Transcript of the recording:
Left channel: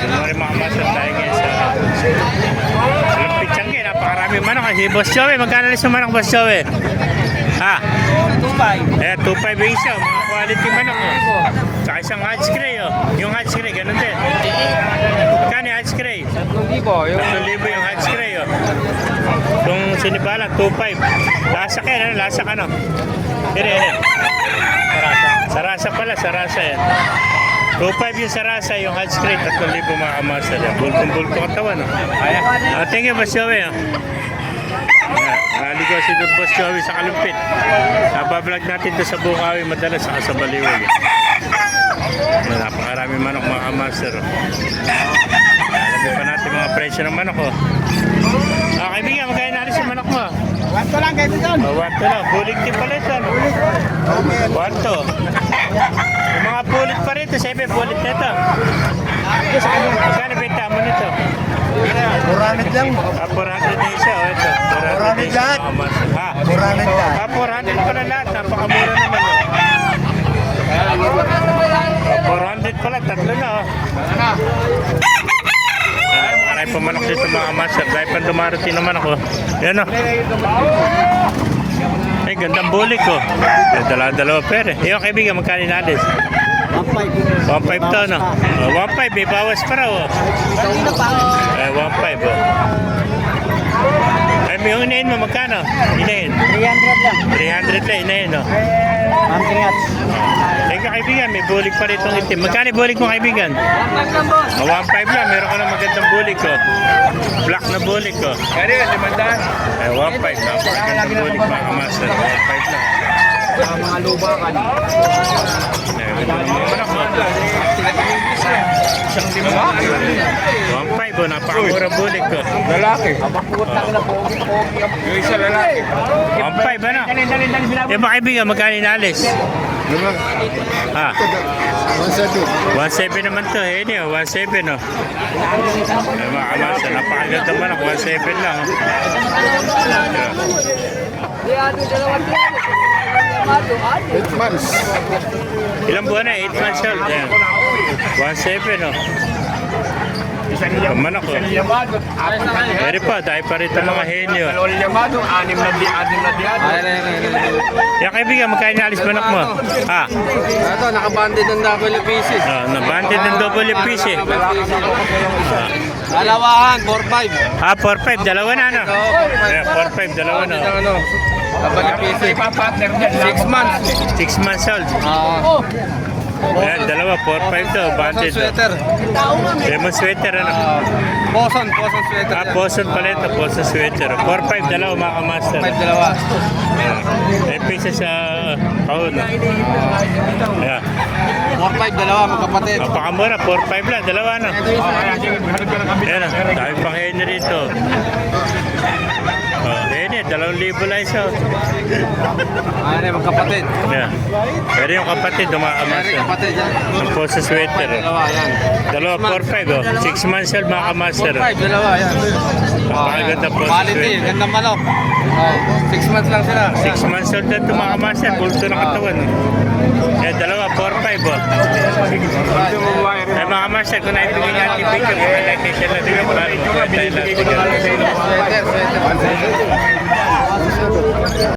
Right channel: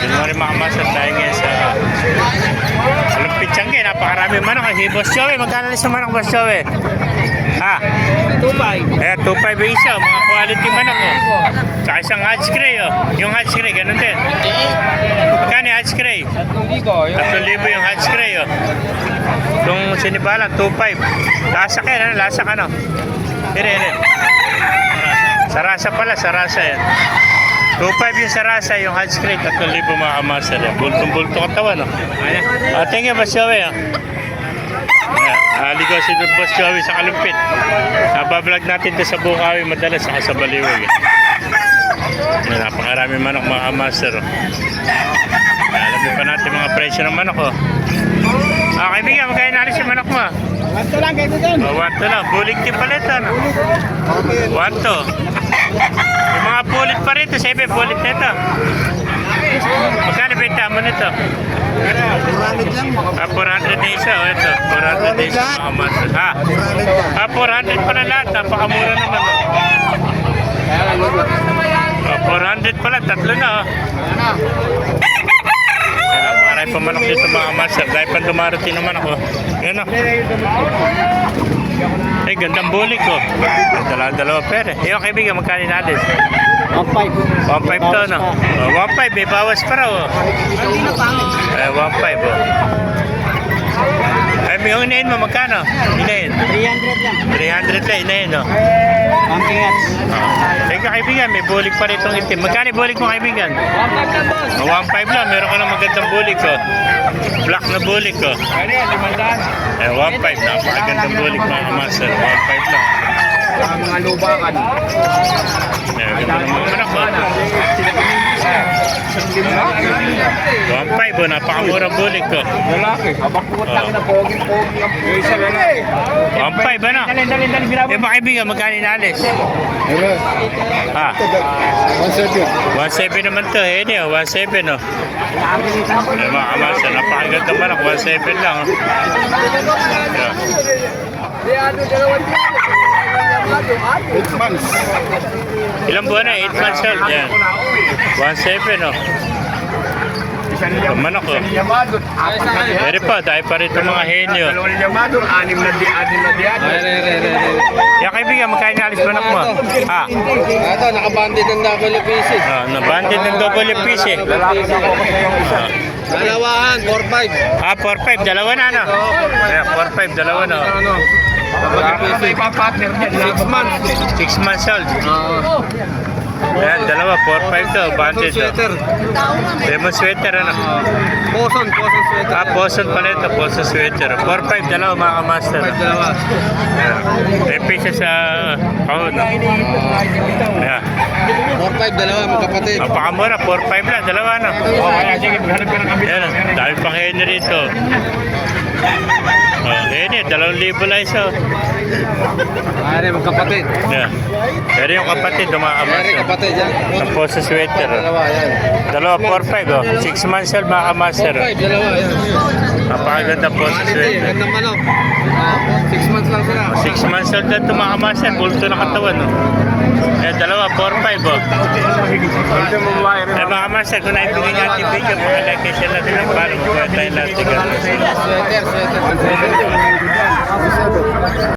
Good morning mga master. Tayo ngayon sa Lumpit Changi. Napakarami manok. Si Boss Joey. Magkano alis ng manok, Boss Joey? Ha? 2.5. Ayan, 2.5 yung isa. Mga quality manok. Oh. Saka isang Hatch Gray. Oh. Yung Hatch Gray, ganun din. Magkano yung Hatch Gray? 3,000 yung Hatch Gray. Oh. Yung sinibalan, 2.5. Lasak yan. Ano? Lasak ano? Dire. Sarasa pala. Sarasa yan. 2.5 yung sarasa, yung Hatch Gray, 3,000 mga kamaster. Bultong-bulto katawan. Oh. Thank you, Boss Joey. Oh. Aligaw si Boss Joey sa Kalumpit. Nabablog natin ito sa Bukawi, madalas saka sa Baliwag. Napakarami manok mga kamaster. Alamin pa natin mga presyo ng manok. Kaibigan, magkaya nalis yung manok mo. 1 lang kayo doon. 1 lang. Bulig din pala ito. 1 yung mga pulit pa rito, 7 pulit na ito. Magkano benta mo nito? 400 lang. 400 na isa. O ito, 400 na isa mga master. Ha? 400 pala lahat. Napakamura naman. 400 pala, tatlo na. Marami pa manok dito mga master. Dahil pa dumarating naman ako. Yan o. Eh, gandang bulik ko. Dalawa pere. Yung kaibigan, magkano nalis? 1.5. 1.5 to, no? 1.5, may bawas pa raw. 1.5, oh. Ay, yung inahin mo, magkano? Inahin? 300 lang. 300 ka, inahin, no? Antingat. Teka, kaibigan, may bulik pa rito itim. Magkano bulik mo, kaibigan? 1.5 lang, meron ka ng magandang bulik, ko. Black na bulik, ko. 1.5, napakagandang bulik, mga kamaster. 1.5 lang. Mga lubakan. Ganda naman manok, oh. 1.5, oh, napakamurang bulik, ko. Lalaki. Abakutang na pogi-pogi ang isa lalaki. 1.5, ano? Dali. Yung mga kaibigan, magkano inalis? Ha? 1.7 naman to, eh, 1.7, oh. Ay, mga kamasa, napakaganda manok, 1.7 lang, oh. Yeah. 8 months. Ilang buwan na? 8 months old, yan. 1.7, oh. Manok, oh. Pero pa, dahil pa rito mga henyo. Anim na diyan. Yung kaibigan, magkano inalis manok mo? Ha? Ito, nakabandit ng double pieces. Nabanded ng double piece, eh. Dalawahan, 4-5. 4.5, dalawa na, ano? Yeah, 4.5, dalawa na, oh. Ano? Double pieces. 6 months. 6 months old. Ayan, dalawa, 4.5 to, banded. Sweater. Lemon sweater, ano? Poson sweater. Poson pala ito, poson sweater. 4.5, dalawa, mga kamaster. Dalawa. Ayan. May pisa sa kahon. Ayan. 4-5, dalawa, magkapatid. Napakamura, 4.5 lang, dalawa, ano? Ayan, dami pang henry rito. Henry, 2,000 lang isa. Ano, magkapatid. Ayan. Pero yung kapatid, Meron dumakamas. kapatid yan. Ang poson sweater. Dalawa, yan. Dalawa, 4.5, oh. 6 months old, mga kamaster. 4-5, dalawa, yan. Napakaganda poson Quality, sweater. ganda manok. 6 months lang sila. 6 months old na tumakamaster, bulto na katawan, no? Eh, dalawa, 4-5, oh. Eh, mga master, kung naibigay niya ating video, mga like and share natin yung follow mo. Kaya tayo natin. Sweater.